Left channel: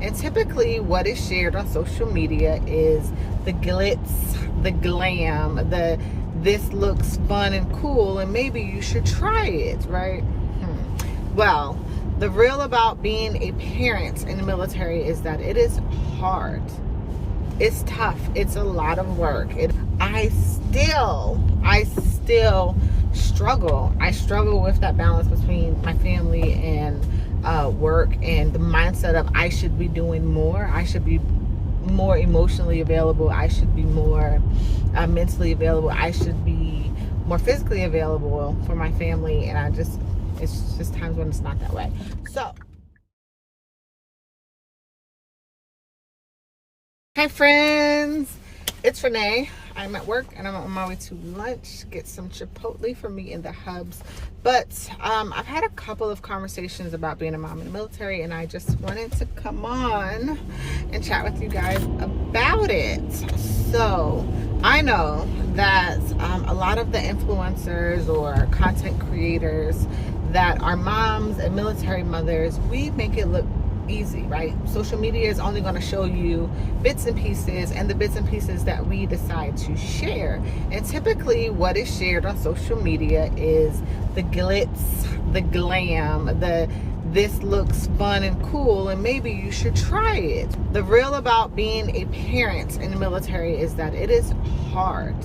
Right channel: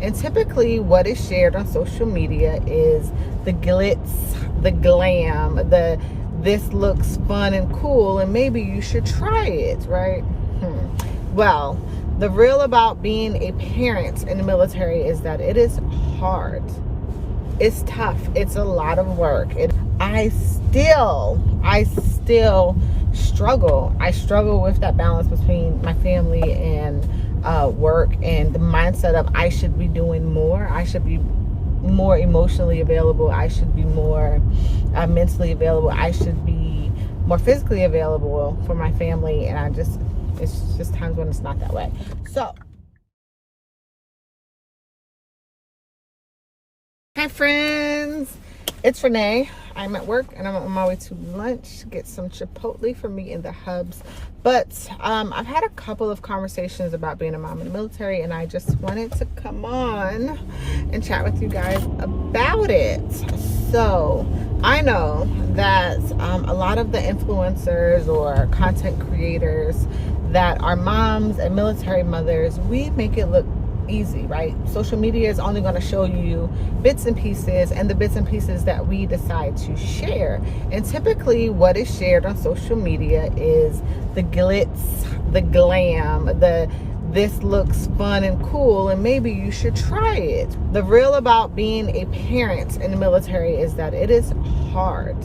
And typically what is shared on social media is the glitz, the glam, the this looks fun and cool and maybe you should try it, right? Well, the real about being a parent in the military is that it is hard. It's tough. It's a lot of work. I still struggle. I struggle with that balance between my family and work, and the mindset of I should be doing more. I should be more emotionally available. I should be more mentally available. I should be more physically available for my family. And it's just times when it's not that way. So, hi friends, it's Renee. I'm at work and I'm on my way to lunch, get some Chipotle for me in the hubs. But I've had a couple of conversations about being a mom in the military, and I just wanted to come on and chat with you guys about it. So I know that a lot of the influencers or content creators that are moms and military mothers, we make it look easy, right? Social media is only going to show you bits and pieces, and the bits and pieces that we decide to share. And typically what is shared on social media is the glitz, the glam, the this looks fun and cool and maybe you should try it. The real about being a parent in the military is that it is hard.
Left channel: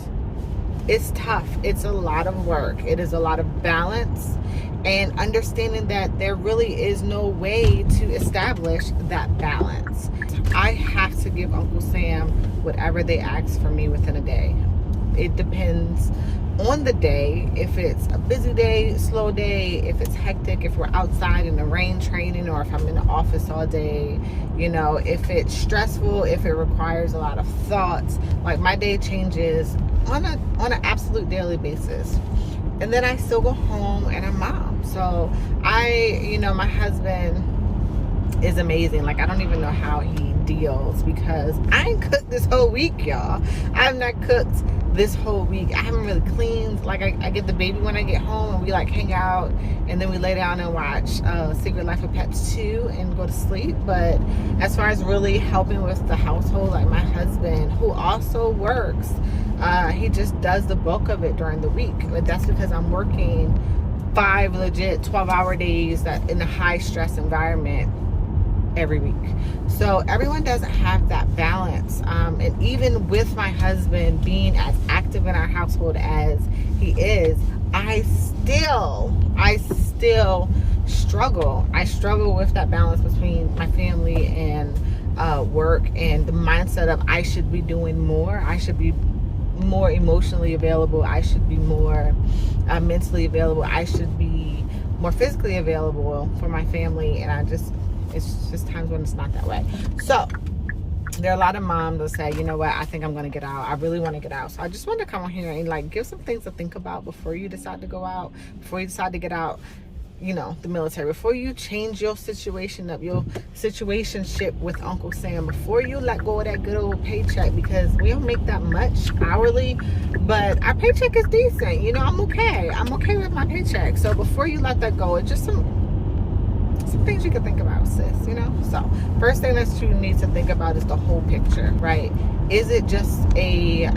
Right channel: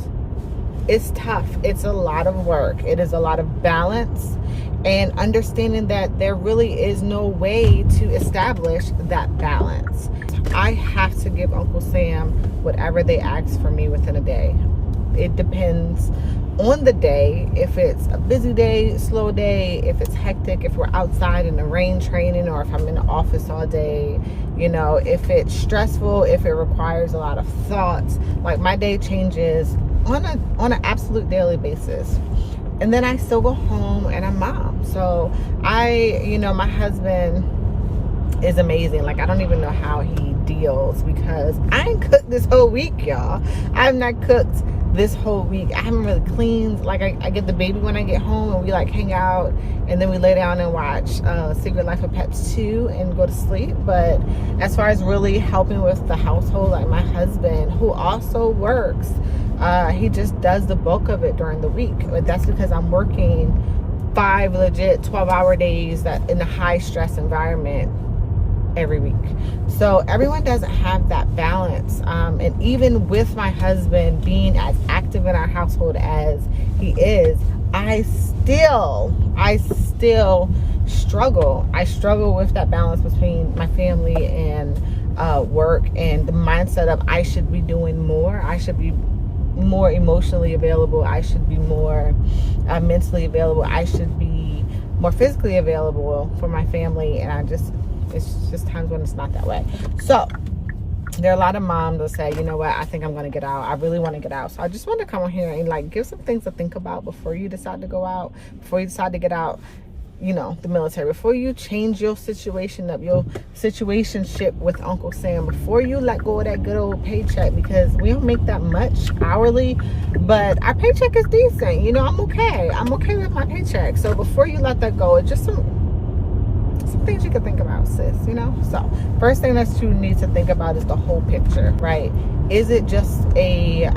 It's tough. It's a lot of work. It is a lot of balance and understanding that there really is no way to establish that balance. I have to give Uncle Sam whatever they ask for me within a day. It depends on the day, if it's a busy day, slow day, if it's hectic, if we're outside in the rain training, or if I'm in the office all day, you know, if it's stressful, if it requires a lot of thoughts. Like, my day changes on an absolute daily basis. And then I still go home and I'm mom. So my husband is amazing. Like, I don't even know how he deals, because I ain't cooked this whole week, y'all. I've not cooked this whole week. I haven't really cleaned. Like, I get the baby when I get home and we like hang out, and then we lay down and watch Secret Life of Pets 2 and go to sleep. But as far as really helping with the household, like my husband, who also works, he just does the bulk of it during the week. But that's because I'm working 5 legit 12-hour days that in a high stress environment every week. So everyone doesn't have that balance. And even with my husband being as active in our household as he is, I still struggle. I struggle with that balance between my family and work, and the mindset of I should be doing more. I should be more emotionally available. I should be more mentally available. I should be more physically available for my family. And it's just times when it's not that way. So there are a lot of moms that say, you know what, I think I'm going to get out. I really want to get out. So I just want to come on here and like give some things to think about before you decide to go out, before you decide to get out, the military, before you change your situation up, your situationship with Uncle Sam, before you let go of that good old paycheck, because we don't make that much hourly, but our paycheck is decent. I'm okay. I'm okay with my paycheck. So before you let that go, it's just some things you can think about, sis. So first thing that you need to think about is the whole picture, right? Is it just a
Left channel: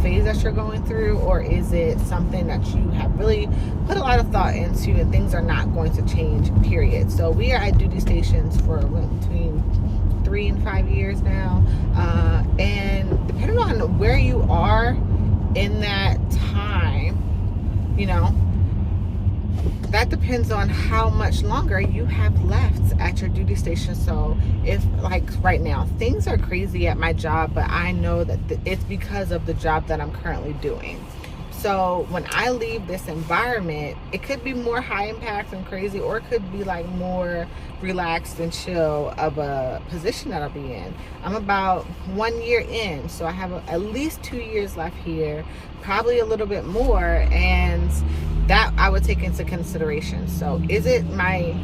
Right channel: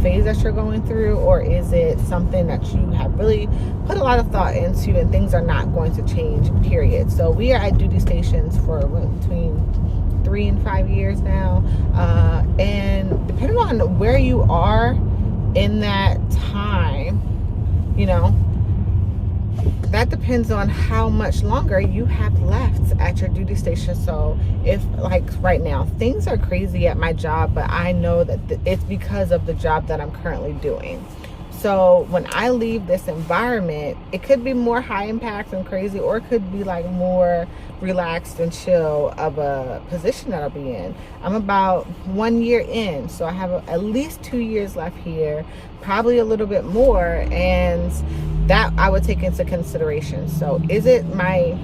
phase that you're going through, or is it something that you have really put a lot of thought into and things are not going to change, period? So we are at duty stations for between 3 and 5 years now, and depending on where you are in that time, that depends on how much longer you have left at your duty station. So if, like right now, things are crazy at my job, but I know that it's because of the job that I'm currently doing. So when I leave this environment, it could be more high impact and crazy, or it could be like more relaxed and chill of a position that I'll be in. I'm about 1 year in, so I have at least 2 years left here, probably a little bit more, and that I would take into consideration. So is my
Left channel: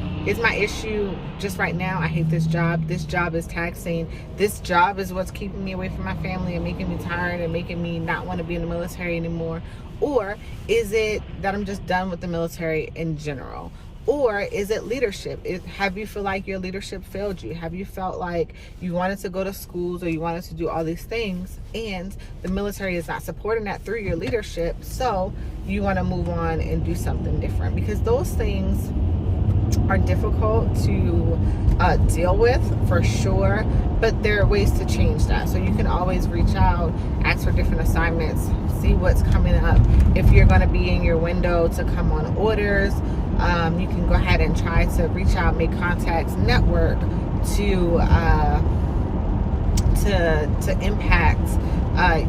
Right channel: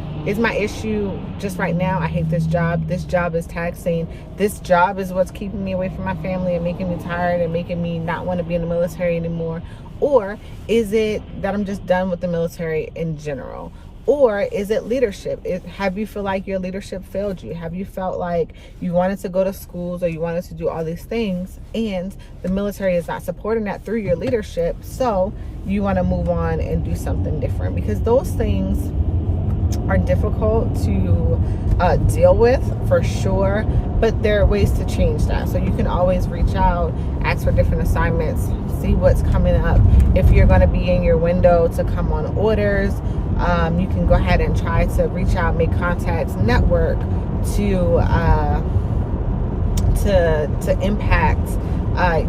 issue just right now, I hate this job. This job is taxing. This job is what's keeping me away from my family and making me tired and making me not want to be in the military anymore? Or is it that I'm just done with the military in general? Or is it leadership? Have you feel like your leadership failed you? Have you felt like you wanted to go to schools or you wanted to do all these things and the military is not supporting that through your leadership, so you want to move on and do something different? Because those things are difficult to deal with, for sure, but there are ways to change that. So you can always reach out, ask for different assignments, see what's coming up. If you're going to be in your window to come on orders, you can go ahead and try to reach out, make contacts, network to impact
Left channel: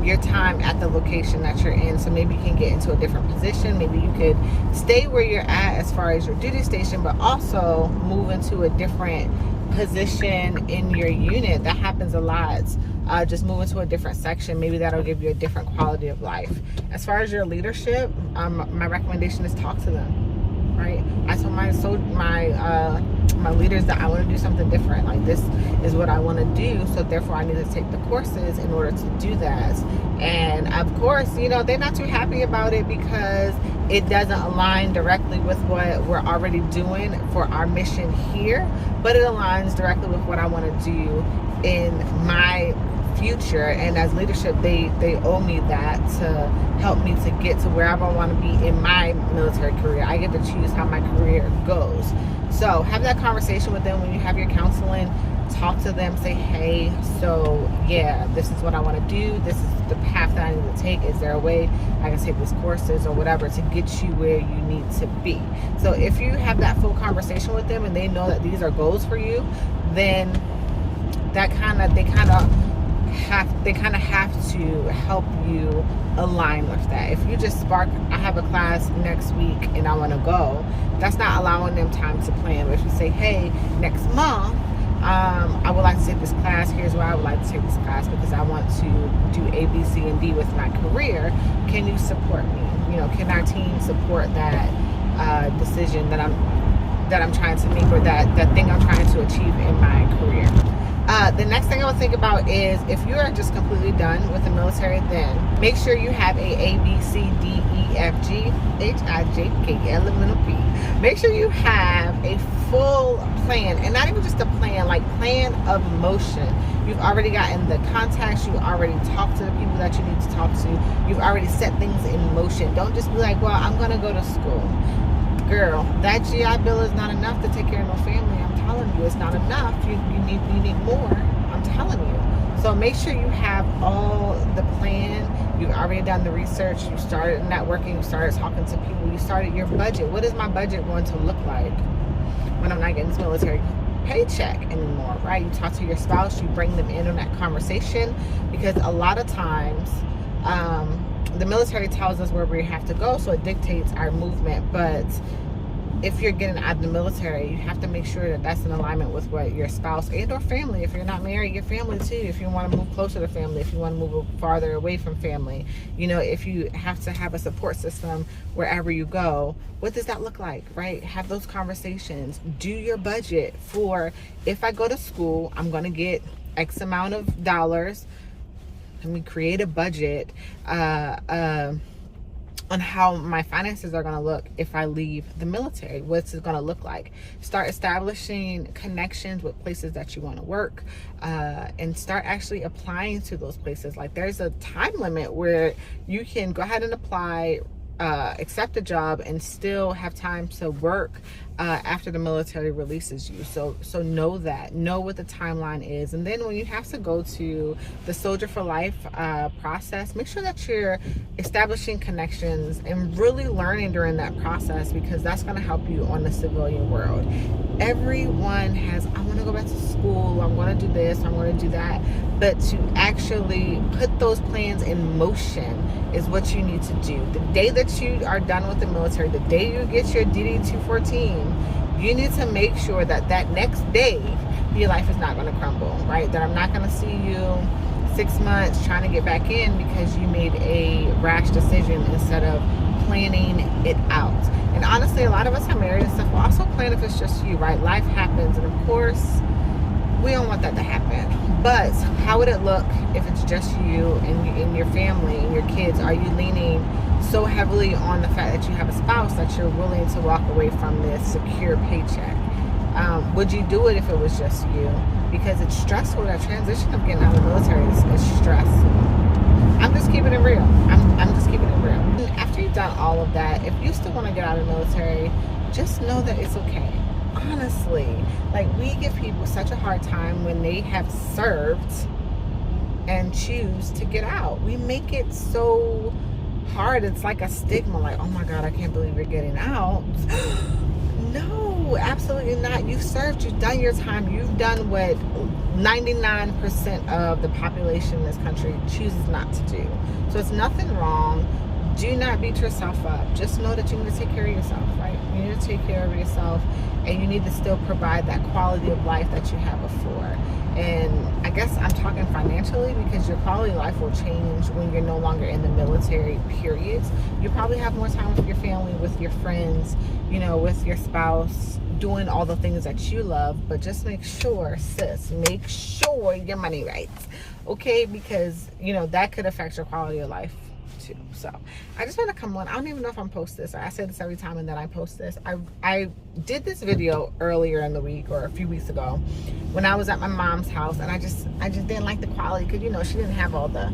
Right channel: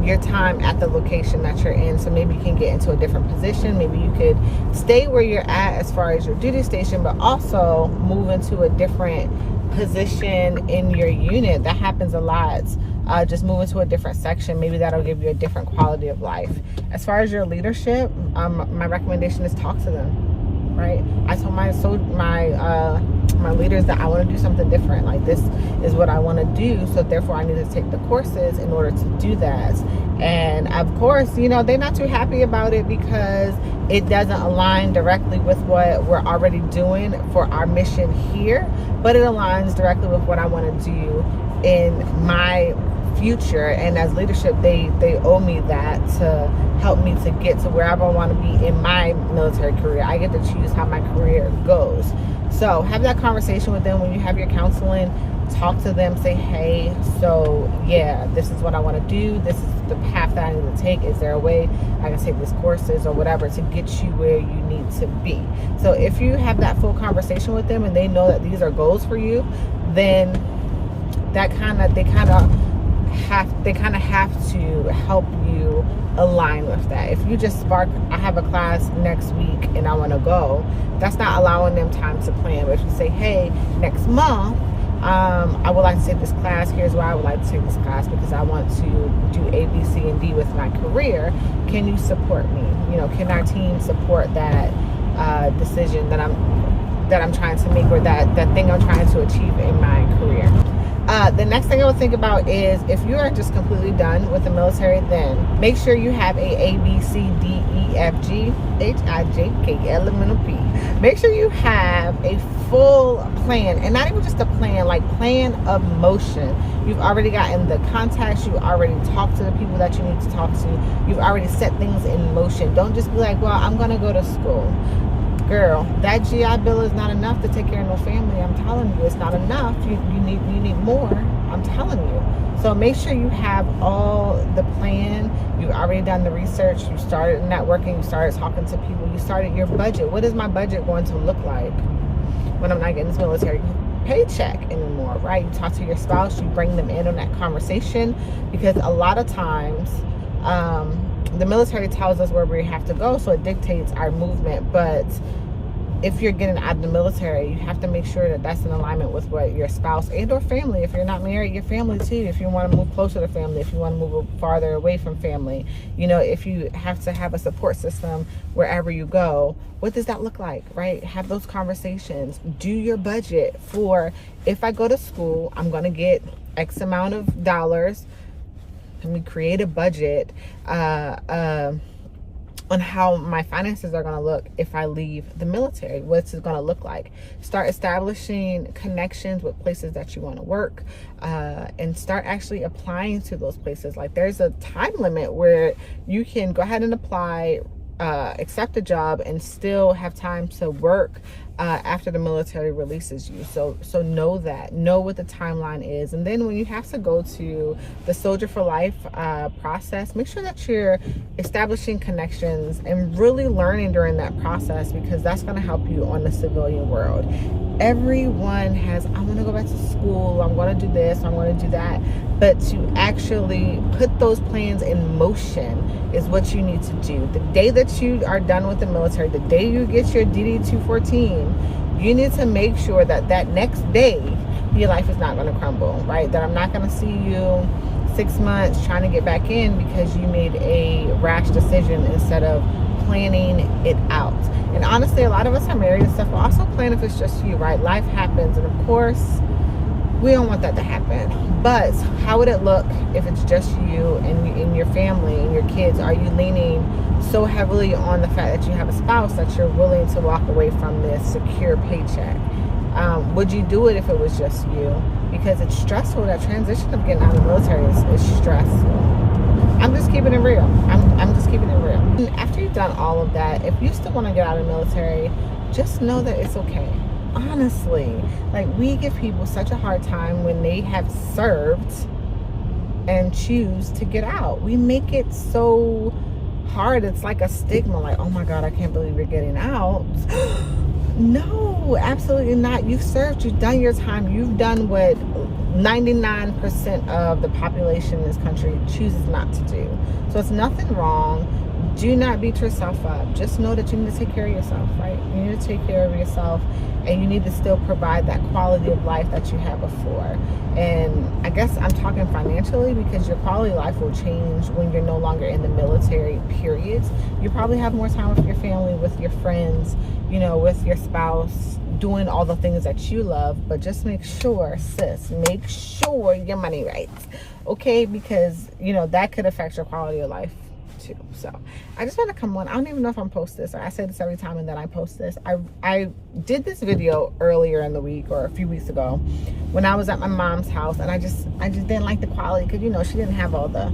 your time at the location that you're in. So maybe you can get into a different position. Maybe you could stay where you're at as far as your duty station, but also move into a different position in your unit. That happens a lot. Just move into a different section. Maybe that'll give you a different quality of life. As far as your leadership, my recommendation is talk to them. Right? I told my leaders that I want to do something different. Like, this is what I want to do, so therefore I need to take the courses in order to do that. And of course, you know, they're not too happy about it because it doesn't align directly with what we're already doing for our mission here, but it aligns directly with what I want to do in my future. And as leadership, they owe me that to help me to get to wherever I want to be in my military career. I get to choose how my career goes. So have that conversation with them when you have your counseling. Talk to them, say, hey, so yeah, this is what I want to do, this is the path that I need to take. Is there a way I can take these courses or whatever to get you where you need to be? So if you have that full conversation with them and they know that these are goals for you, then that they kind of have to help you align with that. If you just spark, I have a class next week and I want to go, that's not allowing them time to plan. But if you say, hey, next month I would like to take this class, here's why I would like to take this class, because I want to do A, B, C, and D with my career, can you support me? You know, can our team support that decision that I'm trying to make, or that thing I'm trying to achieve in my career? The next thing I would think about is, if you are just completely done with the military, then make sure you have a B, C, D, E, F, G, H, I, J, K, L, M, N, O, P. Make sure you have a full plan, and not even just a plan, like plan of motion. You've already gotten the contacts, you already talked to the people that you need to talk to, you've already set things in motion. Don't just be like, well, I'm going to go to school. Girl, that GI Bill is not enough to take care of no family. I'm telling you, it's not enough. You need more. I'm telling you. So make sure you have all the plan. You've already done the research. You started networking. You started talking to people. You started your budget. What is my budget going to look like when I'm not getting this military paycheck anymore, right? You talk to your spouse. You bring them in on that conversation, because a lot of times the military tells us where we have to go, so it dictates our movement. But if you're getting out of the military, you have to make sure that that's in alignment with what your spouse and or family, if you're not married, your family too, if you want to move closer to family, if you want to move farther away from family, you know, if you have to have a support system wherever you go, what does that look like, right? Have those conversations. Do your budget for, if I go to school, I'm going to get X amount of dollars. Let me create a budget on how my finances are going to look if I leave the military. What's it going to look like? Start establishing connections with places that you want to work, and start actually applying to those places. Like, there's a time limit where you can go ahead and apply, accept a job, and still have time to work after the military releases you. So know that, know what the timeline is. And then when you have to go to the Soldier for Life process, make sure that you're establishing connections and really learning during that process, because that's going to help you on the civilian world. Everyone has, I want to go back to school, I'm going to do this, I'm going to do that. But to actually put those plans in motion is what you need to do. The day that you are done with the military, the day you get your DD-214, you need to make sure that that next day your life is not going to crumble, right? That I'm not going to see you 6 months trying to get back in because you made a rash decision instead of planning it out. And honestly, a lot of us are married and stuff, but also plan if it's just you, right? Life happens, and of course, We don't want that to happen. But how would it look if it's just you and your family and your kids? Are you leaning so heavily on the fact that you have a spouse that you're willing to walk away from this secure paycheck? Would you do it if it was just you? Because it's stressful. That transition of getting out of the military is stressful. I'm just keeping it real. I'm just keeping it real. And after you've done all of that, if you still want to get out of the military, just know that it's okay. Honestly, like, we give people such a hard time when they have served and choose to get out. We make it so hard. It's like a stigma, like, oh my God, I can't believe you're getting out. No, absolutely not. You've served, you've done your time, you've done what 99% of the population in this country chooses not to do. So it's nothing wrong. Do not beat yourself up. Just know that you need to take care of yourself, right? You need to take care of yourself, and you need to still provide that quality of life that you had before. And I guess I'm talking financially, because your quality of life will change when you're no longer in the military, period. You probably have more time with your family, with your friends, you know, with your spouse, doing all the things that you love. But just make sure, sis, make sure your money right, okay? Because, you know, that could affect your quality of life too. So I just want to come on. I don't even know if I'm post this, or I say this every time and then I post this. I did this video earlier in the week, or a few weeks ago, when I was at my mom's house, and I just didn't like the quality, because, you know, she didn't have all the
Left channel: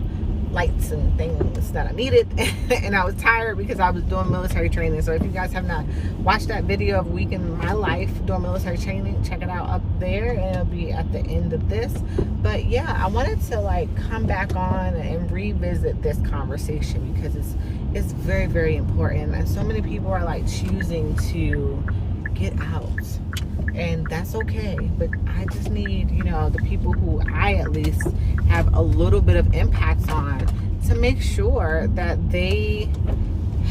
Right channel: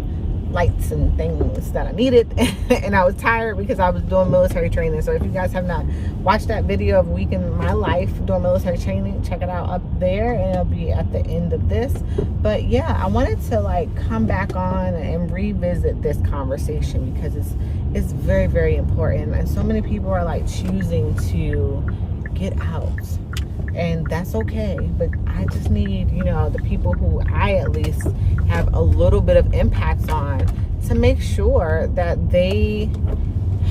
lights and things that I needed. And I was tired because I was doing military training. So if you guys have not watched that video of a week in my life doing military training, check it out up there, and it'll be at the end of this. But yeah, I wanted to like come back on and revisit this conversation, because it's very, very important. And so many people are like choosing to get out, and that's okay. But I just need, you know, the people who I at least have a little bit of impact on, to make sure that they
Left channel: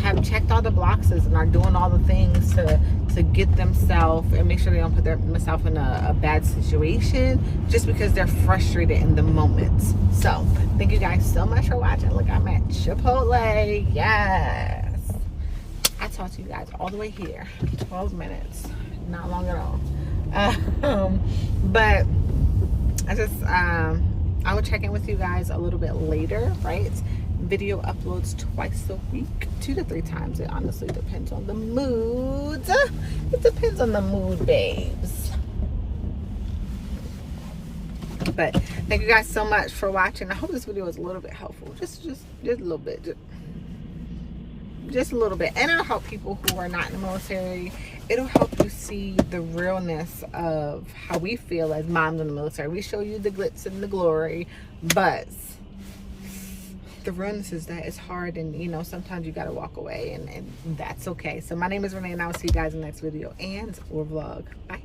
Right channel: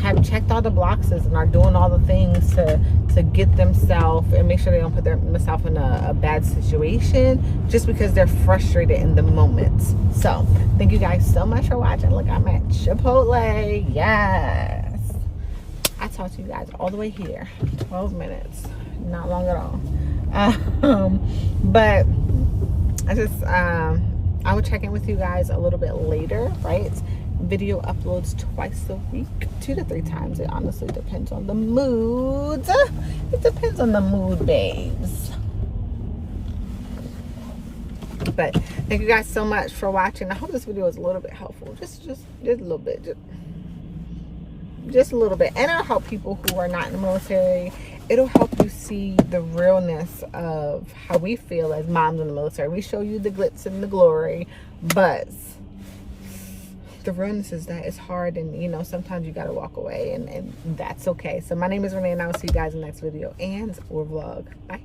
have checked all the boxes and are doing all the things to get themselves, and make sure they don't put themselves in a bad situation just because they're frustrated in the moment. So thank you guys so much for watching. Look, I'm at Chipotle. Yes, I talked to you guys all the way here, 12 minutes, not long at all. But I just I will check in with you guys a little bit later, right? Video uploads twice a week, 2 to 3 times. It honestly depends on the mood. It depends on the mood, babes. But thank you guys so much for watching. I hope this video was a little bit helpful. Just a little bit. Just a little bit. And it'll help people who are not in the military. It'll help you see the realness of how we feel as moms in the military. We show you the glitz and the glory, but the realness is that it's hard, and you know, sometimes you got to walk away, and that's okay. So my name is Renee, and I will see you guys in the next video and or vlog. Bye.